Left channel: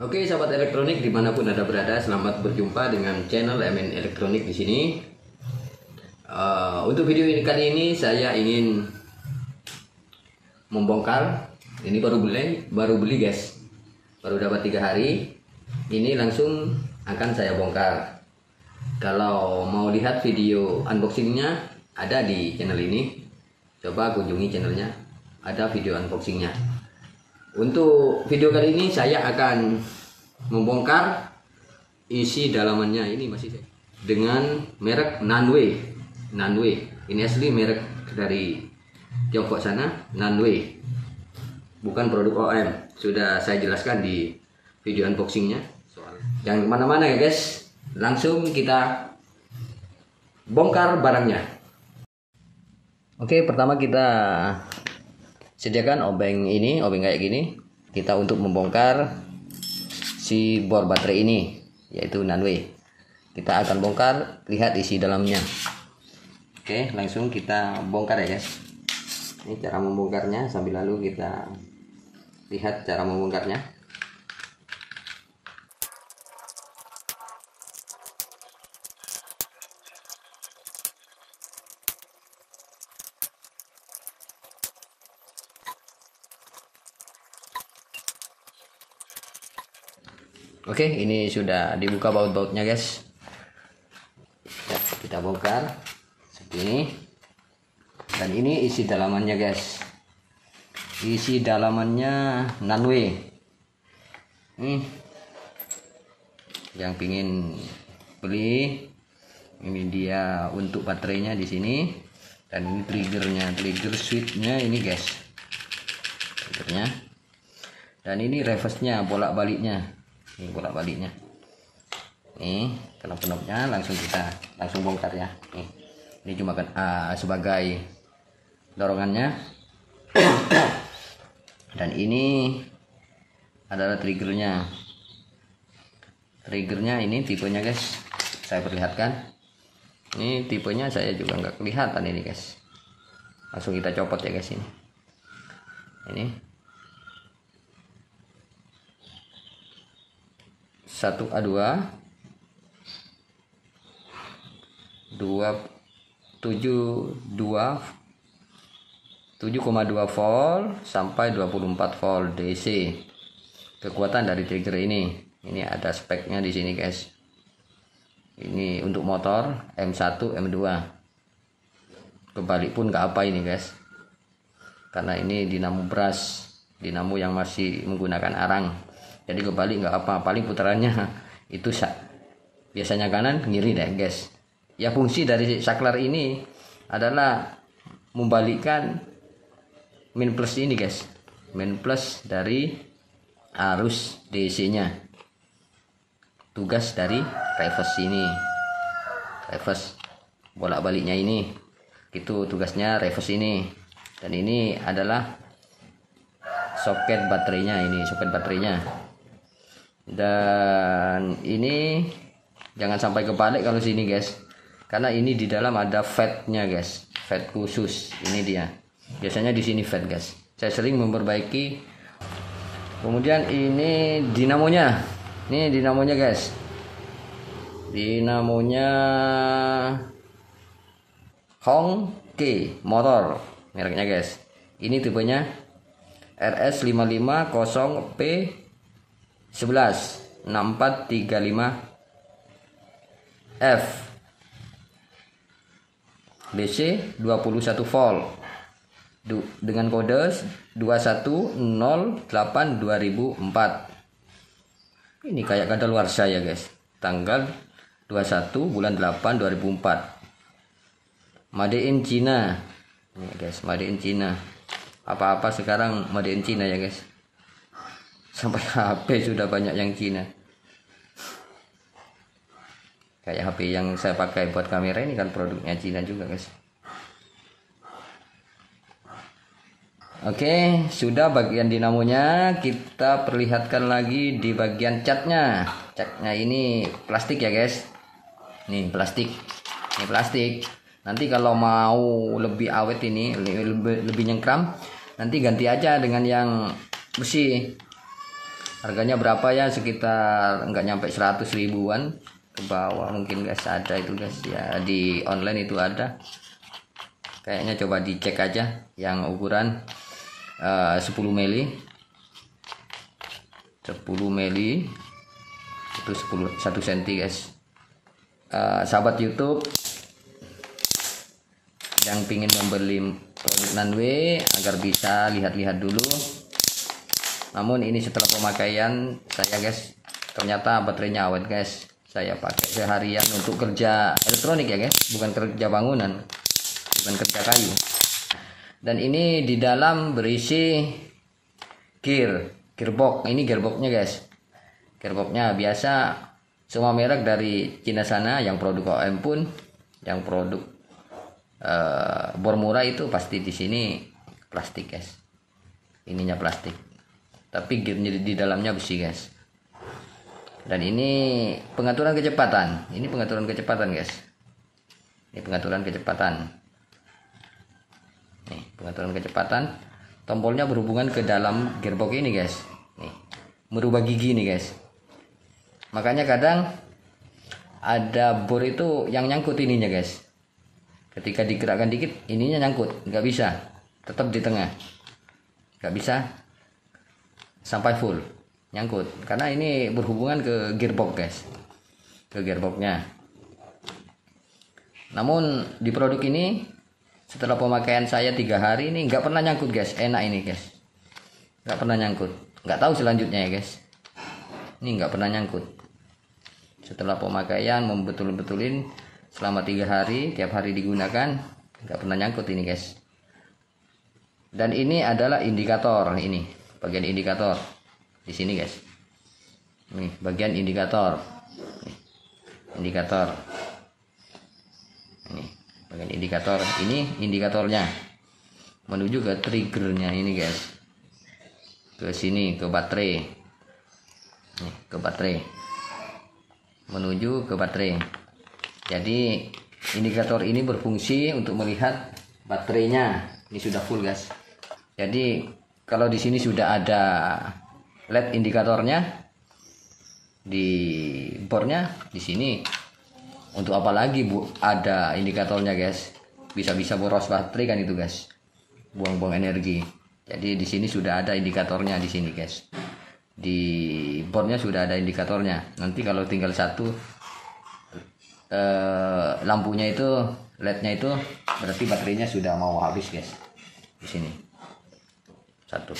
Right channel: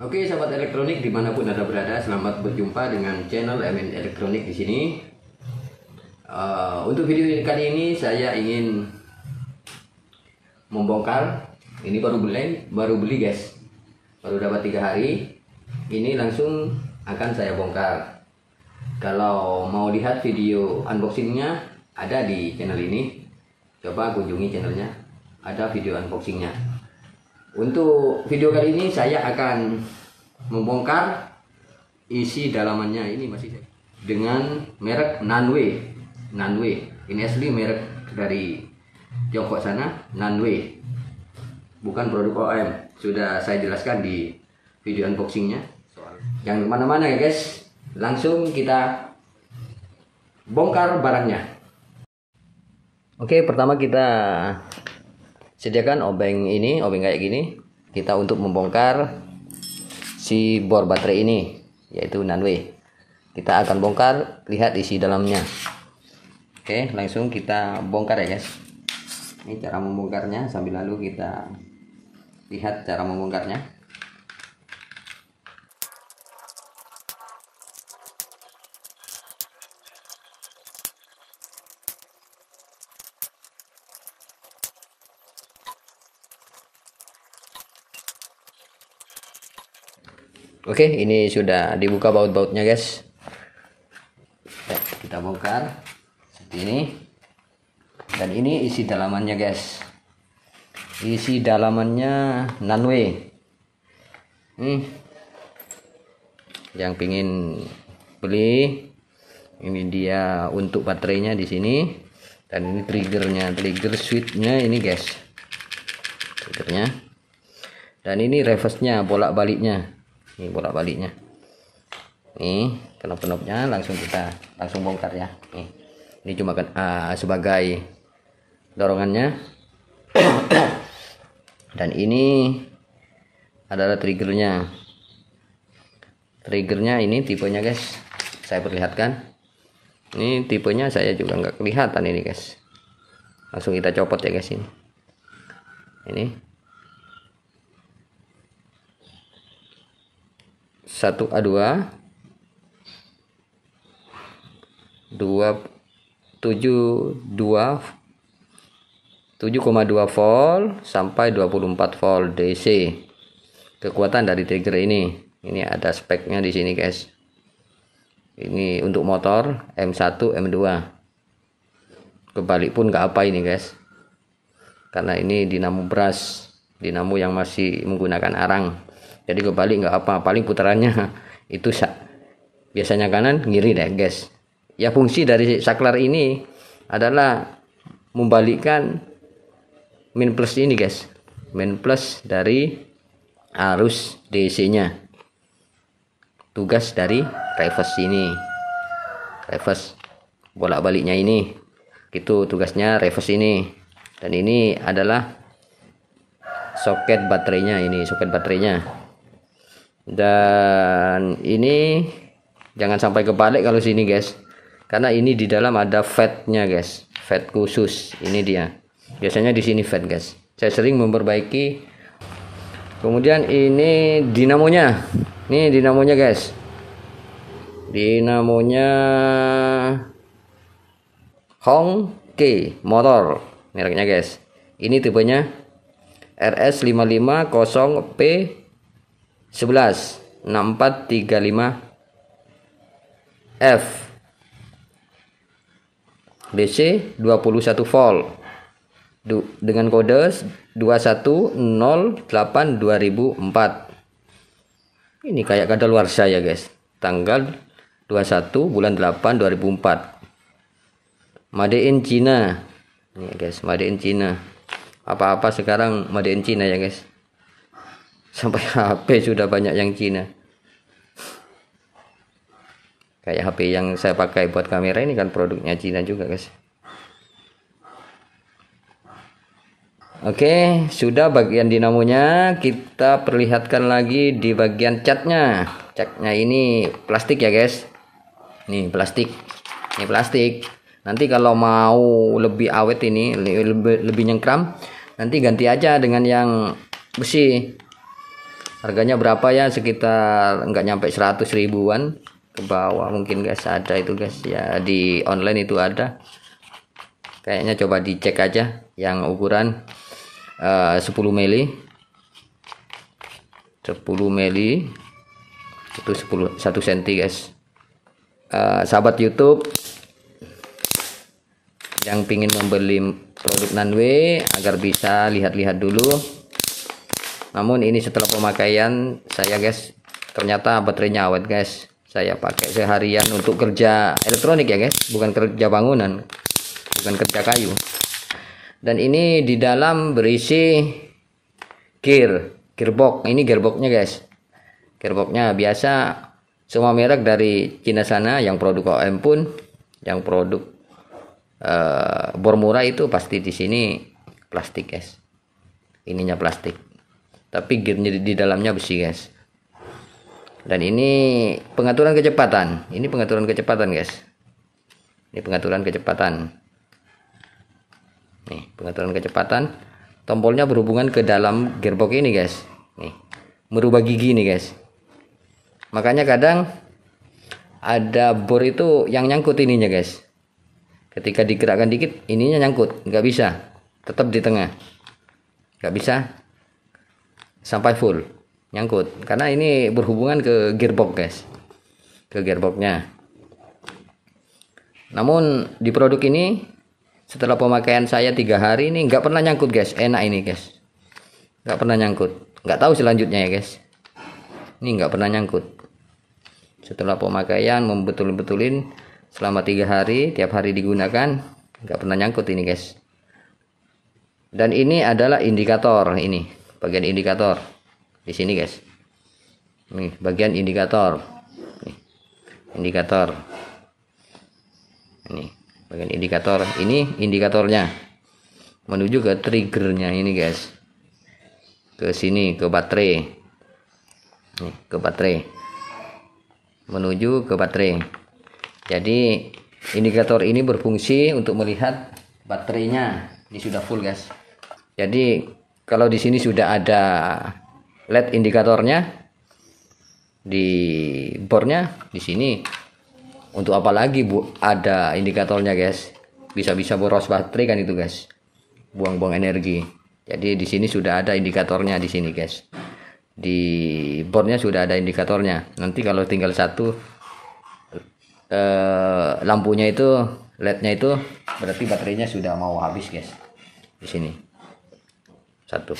Oke, sahabat elektronik dimanapun Anda berada, selamat berjumpa dengan channel MN Elektronik di sini. Untuk video kali ini saya ingin membongkar. Ini baru beli guys, baru dapat 3 hari. Ini langsung akan saya bongkar. Kalau mau lihat video unboxingnya ada di channel ini, coba kunjungi channelnya, ada video unboxingnya. Untuk video kali ini saya akan membongkar isi dalamannya. Ini masih dengan merek Nanway. Ini asli merek dari Tiongkok sana, Nanway. Bukan produk OM. Sudah saya jelaskan di video unboxingnya. Jangan kemana-mana ya guys. Langsung kita bongkar barangnya. Oke, pertama kita sediakan obeng kayak gini. Kita untuk membongkar si bor baterai ini, yaitu Nanway. Kita akan bongkar, lihat isi dalamnya. Oke, langsung kita bongkar ya guys. Ini cara membongkarnya, sambil lalu kita lihat cara membongkarnya. Oke, ini sudah dibuka baut-bautnya guys. Kita bongkar seperti ini. Dan ini isi dalamannya guys. Isi dalamannya Nanway. Nih, yang pingin beli, ini dia untuk baterainya di sini. Dan ini triggernya, trigger switchnya ini guys. Triggernya. Dan ini reverse-nya, bolak-baliknya. Ini bolak-baliknya. Nih, knop-knopnya langsung bongkar ya. Nih. Ini cuma kan sebagai dorongannya. Dan ini adalah triggernya. Triggernya ini tipenya guys. Saya perlihatkan. Ini tipenya saya juga nggak kelihatan ini guys. Langsung kita copot ya guys ini. Ini 1A2 7,2 volt sampai 24 volt DC. Kekuatan dari trigger ini ada speknya di sini guys. Ini untuk motor M1 M2. Kebalik pun nggak apa ini guys, karena ini dinamo brush, dinamo yang masih menggunakan arang. Jadi kebalik nggak apa, paling putarannya itu biasanya kanan kiri deh guys. Ya, fungsi dari saklar ini adalah membalikkan min plus ini guys, min plus dari arus DC nya. Tugas dari reverse ini, reverse bolak-baliknya ini, itu tugasnya reverse ini. Dan ini adalah soket baterainya, ini soket baterainya. Dan ini jangan sampai kebalik kalau sini guys, karena ini di dalam ada fatnya guys, fat khusus. Ini dia, biasanya di sini fat guys. Saya sering memperbaiki. Kemudian ini dinamonya, ini dinamonya guys, dinamonya Hongke motor mereknya guys. Ini tipenya RS550P 116435F DC 21 volt dengan kode 2108/2004. Ini kayak kadaluarsa ya guys, tanggal 21 bulan 8 2004. Made in China. Ini guys, made in China. Apa-apa sekarang made in China ya guys. Sampai HP sudah banyak yang Cina. Kayak HP yang saya pakai buat kamera ini kan produknya Cina juga guys. Oke, sudah bagian dinamonya. Kita perlihatkan lagi di bagian catnya. Catnya ini plastik ya guys. Nih plastik. Ini plastik. Nanti kalau mau lebih awet ini, lebih nyengkram, nanti ganti aja dengan yang besi. Harganya berapa ya, sekitar nggak nyampe 100 ribuan ke bawah mungkin guys, ada itu guys ya, di online itu ada kayaknya. Coba dicek aja yang ukuran 10 mili 10 mili itu 1 cm guys. Sahabat YouTube yang pingin membeli produk Nanwe agar bisa lihat-lihat dulu. Namun ini setelah pemakaian saya guys, ternyata baterainya awet guys. Saya pakai seharian untuk kerja elektronik ya guys, bukan kerja bangunan, bukan kerja kayu. Dan ini di dalam berisi gearbox. Ini gearboxnya guys. Gearboxnya biasa semua merek dari Cina sana, yang produk OEM pun, yang produk bor murah itu pasti di sini plastik guys. Ininya plastik, tapi gearnya di dalamnya besi guys. Dan ini pengaturan kecepatan. Ini pengaturan kecepatan guys. Ini pengaturan kecepatan. Nih, pengaturan kecepatan. Tombolnya berhubungan ke dalam gearbox ini guys. Nih, merubah gigi nih guys. Makanya kadang ada bor itu yang nyangkut ininya guys. Ketika digerakkan dikit, ininya nyangkut, nggak bisa. Tetap di tengah. Nggak bisa sampai full, nyangkut. Karena ini berhubungan ke gearbox guys. Ke gearboxnya. Namun di produk ini setelah pemakaian saya 3 hari ini nggak pernah nyangkut guys. Enak ini guys, nggak pernah nyangkut. Nggak tahu selanjutnya ya guys. Ini nggak pernah nyangkut. Setelah pemakaian membetul-betulin selama 3 hari, tiap hari digunakan, nggak pernah nyangkut ini guys. Dan ini adalah indikator, ini bagian indikator di sini guys. Nih bagian indikator. Nih, indikator. Ini bagian indikator. Ini indikatornya menuju ke triggernya ini guys. Ke sini, ke baterai. Nih, ke baterai. Menuju ke baterai. Jadi indikator ini berfungsi untuk melihat baterainya ini sudah full guys. Jadi kalau di sini sudah ada LED indikatornya di bornya, di sini untuk apa lagi bu ada indikatornya guys? Bisa-bisa boros baterai kan itu guys, buang-buang energi. Jadi di sini sudah ada indikatornya di sini guys. Di bornya sudah ada indikatornya. Nanti kalau tinggal satu lampunya itu, LED-nya itu, berarti baterainya sudah mau habis guys. Di sini satu.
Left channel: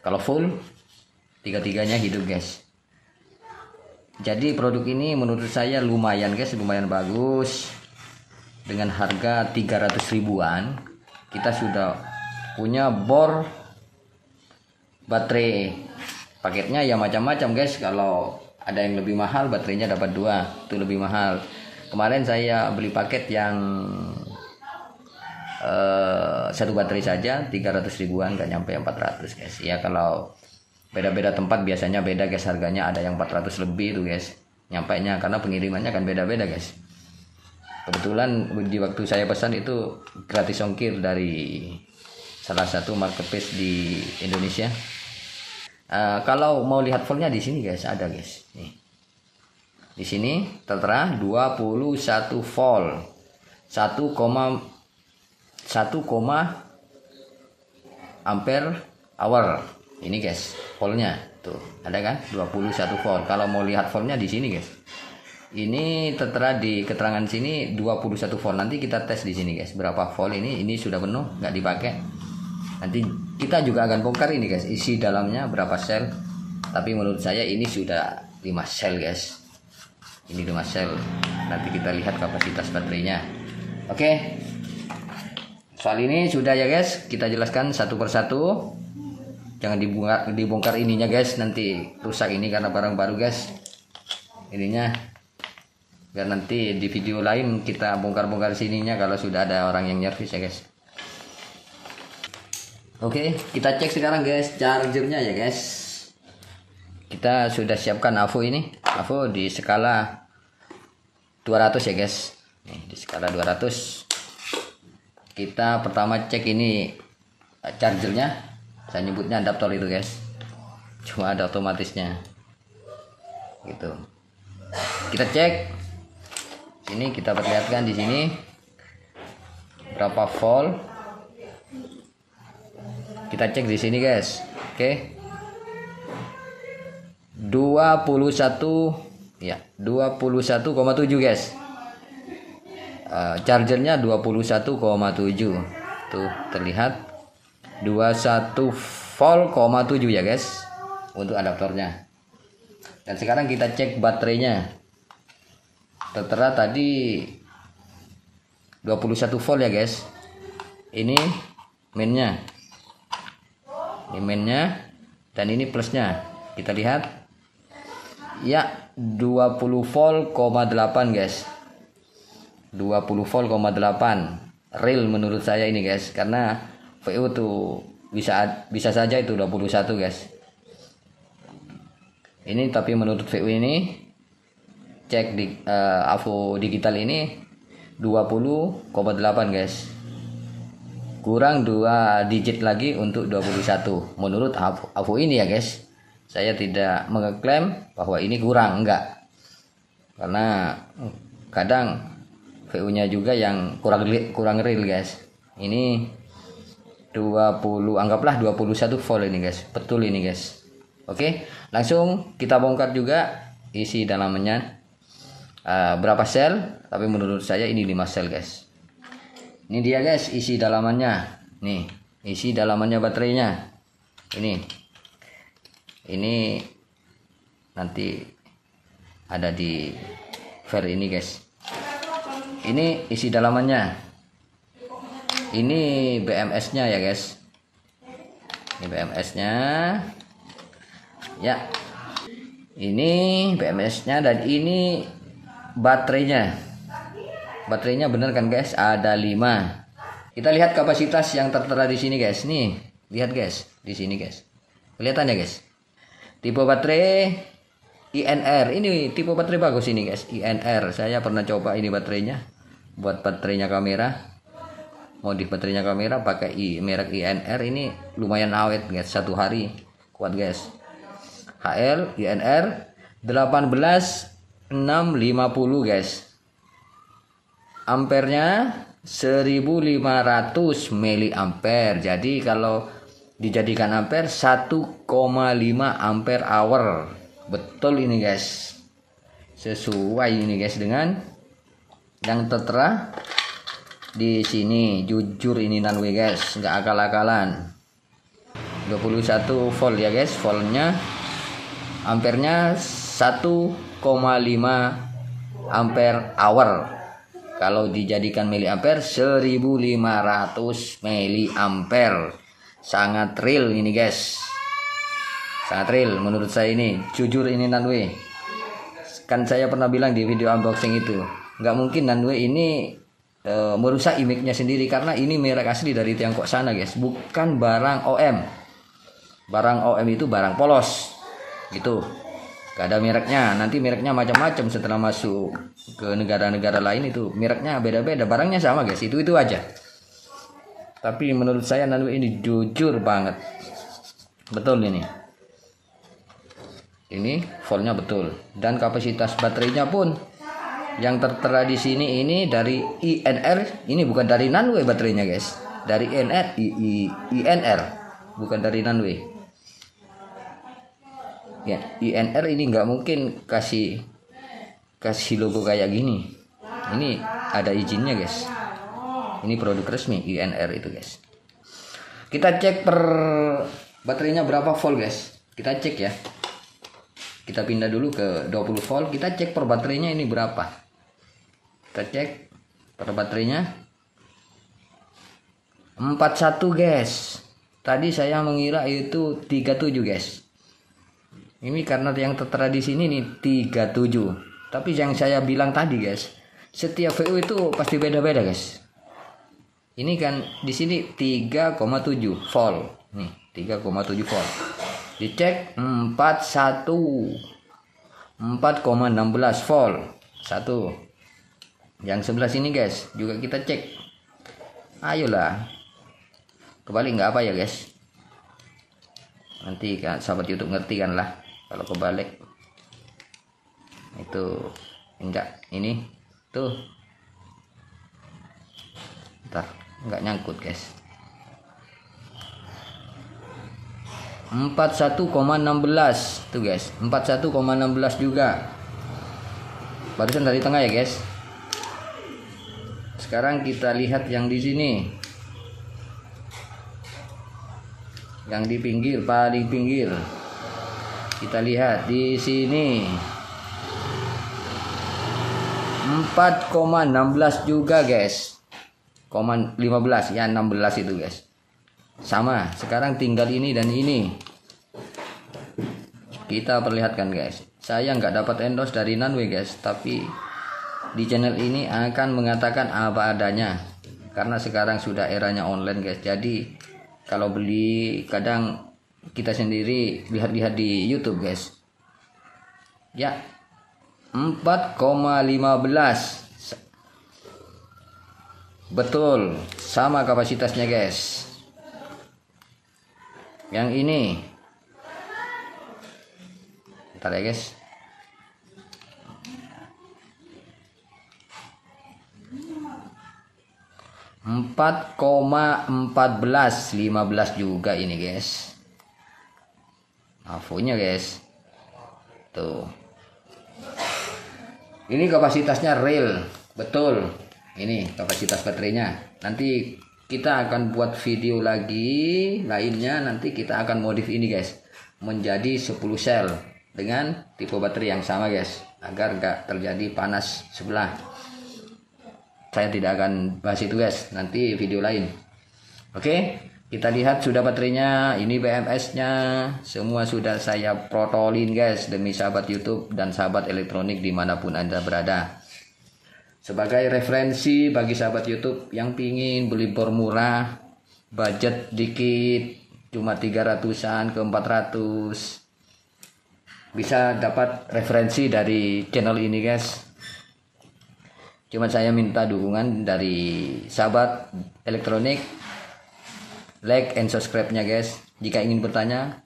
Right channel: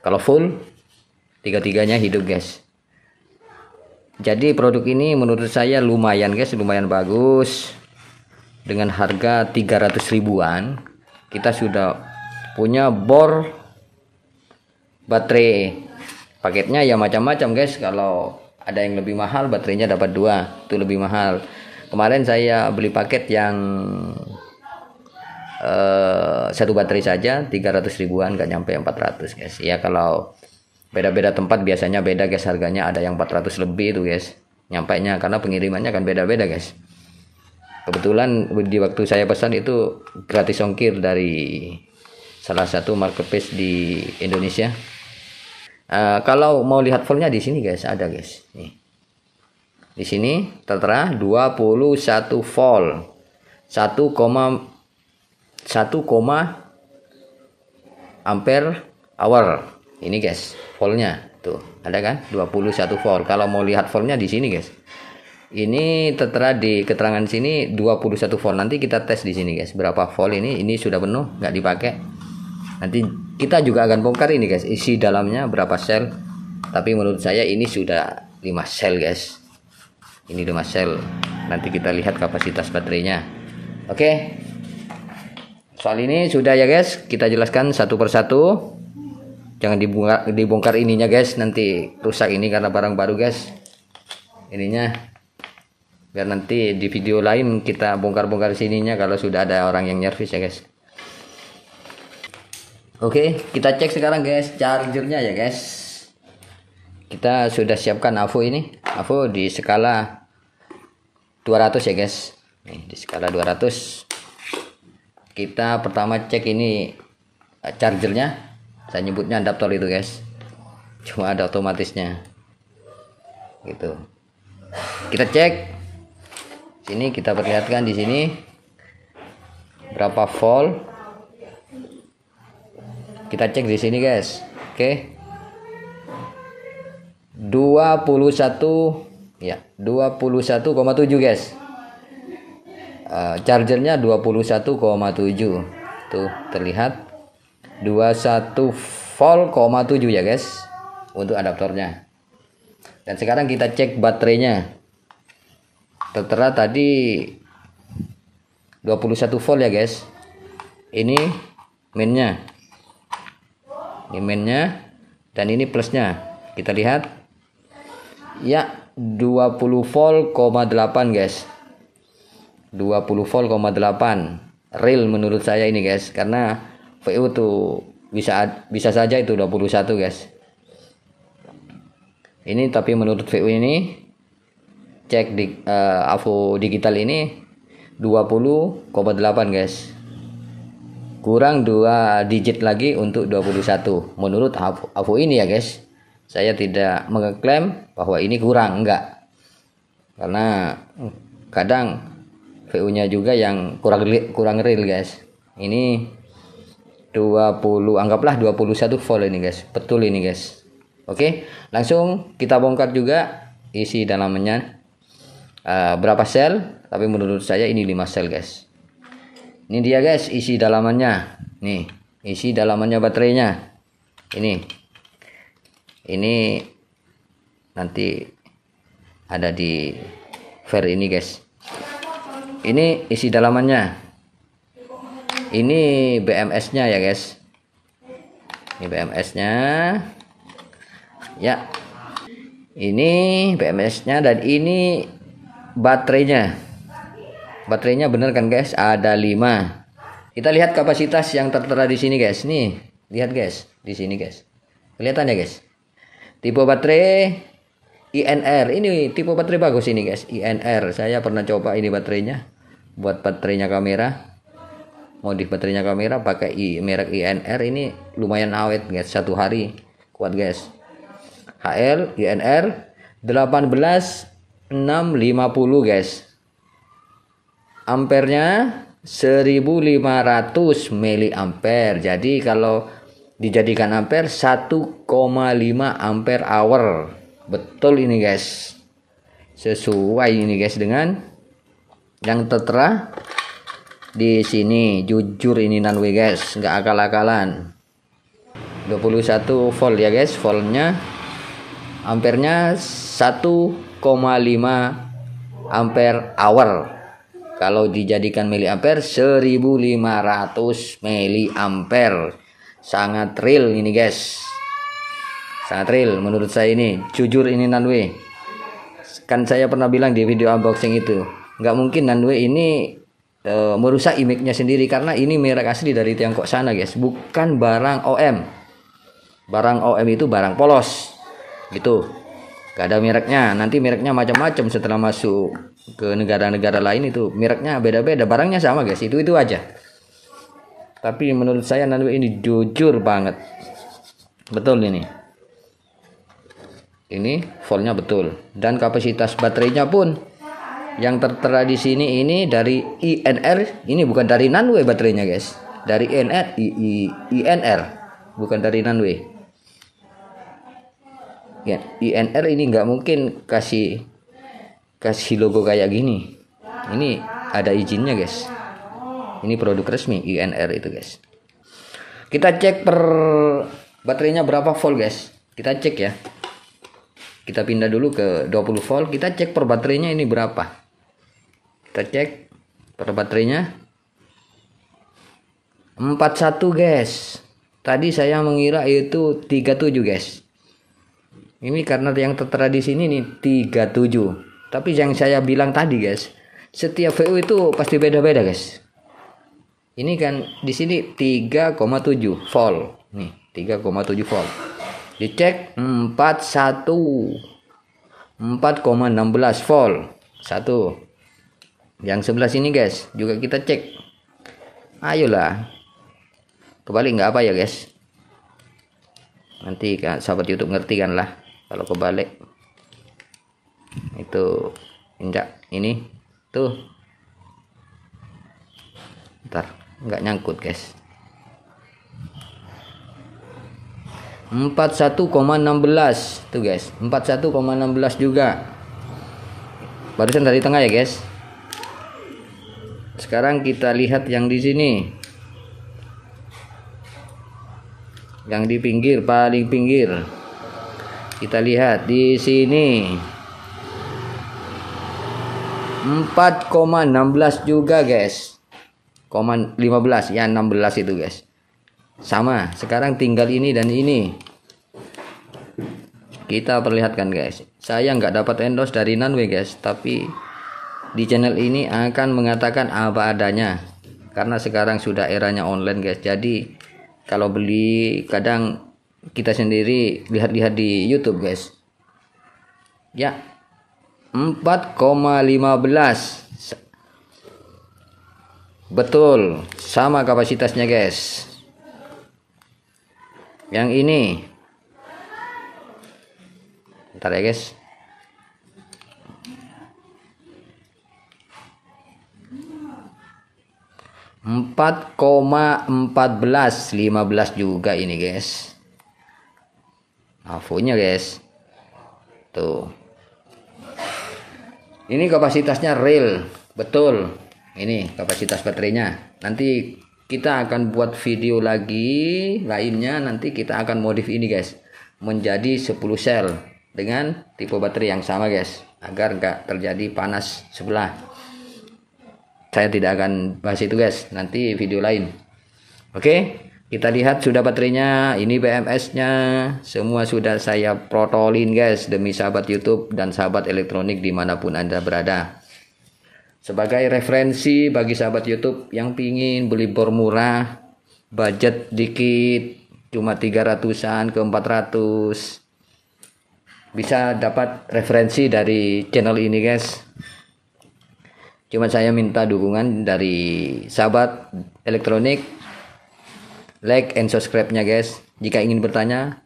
Kalau full, tiga-tiganya hidup guys. Jadi produk ini menurut saya lumayan guys, lumayan bagus. Dengan harga 300 ribuan kita sudah punya bor baterai. Paketnya ya macam-macam guys. Kalau ada yang lebih mahal, baterainya dapat 2, itu lebih mahal. Kemarin saya beli paket yang satu baterai saja 300 ribuan, gak nyampe 400 guys. Ya kalau beda-beda tempat biasanya beda guys harganya, ada yang 400 lebih itu guys nyampainya, karena pengirimannya kan beda-beda guys. Kebetulan di waktu saya pesan itu gratis ongkir dari salah satu marketplace di Indonesia. Kalau mau lihat voltnya di sini guys ada guys. Nih. Di sini tertera 21 volt. 1,1 ampere hour. Ini guys, voltnya tuh ada kan 21 volt. Kalau mau lihat voltnya di sini guys. Ini tertera di keterangan sini 21 volt. Nanti kita tes di sini guys berapa volt ini. Ini sudah penuh, nggak dipakai. Nanti kita juga akan bongkar ini guys, isi dalamnya berapa sel. Tapi menurut saya ini sudah 5 sel guys. Ini 5 sel. Nanti kita lihat kapasitas baterainya. Oke. Soal ini sudah ya guys, kita jelaskan satu persatu. Jangan dibongkar ininya guys, nanti rusak ini karena barang baru guys. Ininya biar nanti di video lain kita bongkar-bongkar sininya kalau sudah ada orang yang nyervis ya guys. Oke, kita cek sekarang guys chargernya ya guys. Kita sudah siapkan AVO ini. AVO di skala 200 ya guys. Nih, di skala 200. Kita pertama cek ini chargernya. Saya nyebutnya adaptor itu guys. cuma ada otomatisnya gitu. Kita cek sini, kita perlihatkan di sini berapa volt. Kita cek di sini guys. Oke, 21 ya, 21,7 guys. Chargernya 21,7 tuh terlihat 21 volt, 7 ya guys untuk adaptornya. Dan sekarang kita cek baterainya. Tertera tadi 21 volt ya guys. Ini mainnya, dan ini plusnya. Kita lihat ya, 20 volt, 8 guys. 20 volt, 8 real menurut saya ini guys, karena VU tuh bisa saja itu 21 guys. Ini tapi menurut VU ini cek di AVO digital ini 20,8 guys. Kurang 2 digit lagi untuk 21 menurut AVO ini ya guys. Saya tidak mengklaim bahwa ini kurang, enggak. Karena kadang VU-nya juga yang kurang real guys. Ini 20, anggaplah 21 volt ini guys. Betul ini guys. Oke, langsung kita bongkar juga isi dalamnya berapa sel. Tapi menurut saya ini 5 sel guys. Ini dia guys isi dalamannya. Nih, isi dalamannya baterainya. Ini nanti ada di ver ini guys. Ini isi dalamannya. Ini BMS-nya ya guys. Ini BMS-nya. Ya. Ini BMS-nya dan ini baterainya. Baterainya bener kan guys? Ada 5. Kita lihat kapasitas yang tertera di sini guys. Nih, lihat guys, di sini guys. Kelihatan ya guys? Tipe baterai INR. Ini tipe baterai bagus ini guys. INR. Saya pernah coba ini baterainya. Buat baterainya kamera, modif baterainya kamera pakai merek INR. Ini lumayan awet guys, 1 hari kuat guys. HL INR 18650 guys. Ampernya 1500 mAh. Jadi kalau dijadikan ampere 1,5 ampere hour. Betul ini guys. Sesuai ini guys dengan yang tertera di sini. Jujur ini Nanwe guys, nggak akal-akalan. 21 volt ya guys, voltnya. Ampernya 1,5 ampere hour. Kalau dijadikan miliampere 1500 miliampere. Sangat real ini guys. Sangat real menurut saya ini. Jujur ini Nanwe. Kan saya pernah bilang di video unboxing itu, nggak mungkin Nanwe ini merusak image-nya sendiri, karena ini merek asli dari Tiongkok sana guys, bukan barang OM. Barang OM itu barang polos gitu, gak ada mereknya. Nanti mereknya macam-macam setelah masuk ke negara-negara lain, itu mereknya beda-beda, barangnya sama guys, itu aja. Tapi menurut saya Nanwe ini jujur banget, betul ini voltnya betul, dan kapasitas baterainya pun yang tertera di sini ini dari INR. Ini bukan dari Nanwe baterainya guys, dari INR, bukan dari Nanwe ya. INR ini nggak mungkin kasih logo kayak gini. Ini ada izinnya guys, ini produk resmi INR itu guys. Kita cek per baterainya berapa volt guys. Kita cek ya, kita pindah dulu ke 20 volt. Kita cek per baterainya ini berapa. Kita cek per baterainya 41 guys. Tadi saya mengira itu 37 guys. Ini karena yang tertera di sini nih 37. Tapi yang saya bilang tadi guys, setiap VU itu pasti beda-beda guys. Ini kan di sini 3,7 volt. Nih, 3,7 volt. Dicek 4,16 volt. 1. Yang sebelah sini guys juga kita cek. Ayolah. Kebalik nggak apa ya guys. Nanti kan sahabat YouTube ngerti kan lah kalau kebalik. Itu injak ini tuh. Ntar nggak nyangkut guys. 41,16 tuh guys, 41,16 juga. Barusan dari tengah ya guys. Sekarang kita lihat yang di sini. Yang di pinggir, paling pinggir. Kita lihat di sini. 4,16 juga guys. 15 ya, 16 itu guys. Sama, sekarang tinggal ini dan ini. Kita perlihatkan guys. Saya nggak dapat endorse dari Nanwe guys, tapi di channel ini akan mengatakan apa adanya. Karena sekarang sudah eranya online guys. Jadi kalau beli kadang kita sendiri lihat-lihat di YouTube guys. Ya, 4,15. Betul, sama kapasitasnya guys. Yang ini, ntar ya guys. Empat koma 14, 15 juga ini guys. AVO-nya guys. Tuh. Ini kapasitasnya real, betul. Ini kapasitas baterainya. Nanti kita akan buat video lagi lainnya. Nanti kita akan modif ini guys, menjadi 10 sel dengan tipe baterai yang sama guys, agar nggak terjadi panas sebelah. Saya tidak akan bahas itu guys, nanti video lain. Oke, kita lihat sudah baterainya. Ini BMS-nya semua sudah saya protolin guys, demi sahabat YouTube dan sahabat elektronik dimanapun Anda berada. Sebagai referensi bagi sahabat YouTube yang pingin beli bor murah, budget dikit, cuma 300-an ke 400, bisa dapat referensi dari channel ini guys. Cuma saya minta dukungan dari sahabat elektronik, like and subscribe-nya guys. Jika ingin bertanya,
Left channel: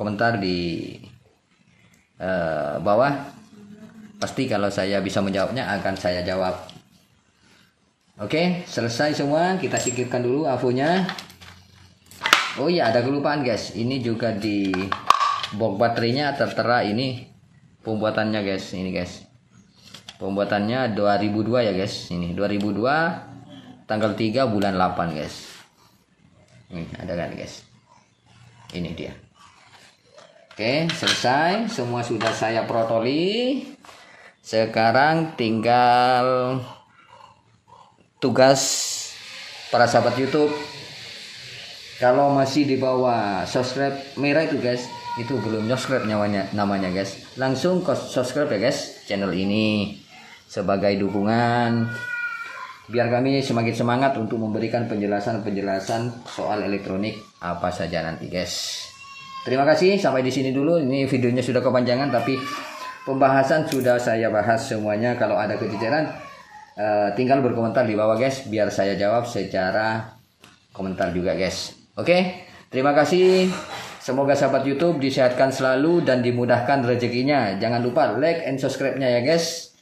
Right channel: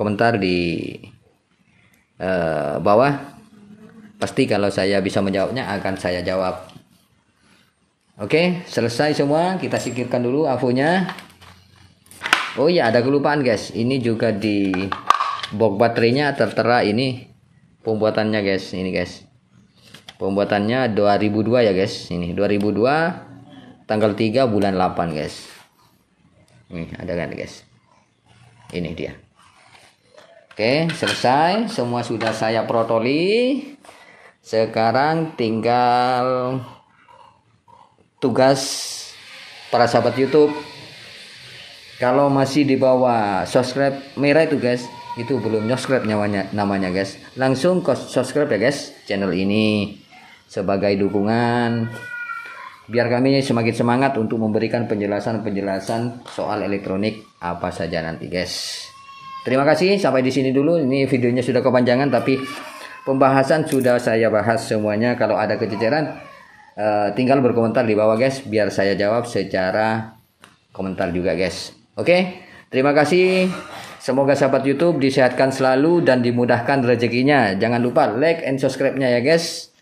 komentar di bawah. Pasti kalau saya bisa menjawabnya akan saya jawab. Oke, selesai semua. Kita singkirkan dulu AVO-nya. Oh iya, ada kelupaan guys. Ini juga di box baterainya tertera ini pembuatannya guys. Ini guys, pembuatannya 2002 ya guys. Ini 2002 tanggal 3 bulan 8 guys. Ini ada kan guys. Ini dia. Oke, selesai. Semua sudah saya protoli. Sekarang tinggal tugas para sahabat YouTube. Kalau masih di bawah subscribe merah itu guys, itu belum subscribe namanya guys. Langsung ke subscribe ya guys channel ini sebagai dukungan biar kami semakin semangat untuk memberikan penjelasan-penjelasan soal elektronik apa saja nanti guys. Terima kasih, sampai di sini dulu. Ini videonya sudah kepanjangan tapi pembahasan sudah saya bahas semuanya. Kalau ada kececeran tinggal berkomentar di bawah guys, biar saya jawab secara komentar juga guys. Oke, terima kasih. Semoga sahabat YouTube disehatkan selalu dan dimudahkan rezekinya. Jangan lupa like and subscribe-nya ya guys.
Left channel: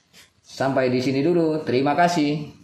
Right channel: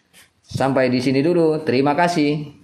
Sampai di sini dulu. Terima kasih.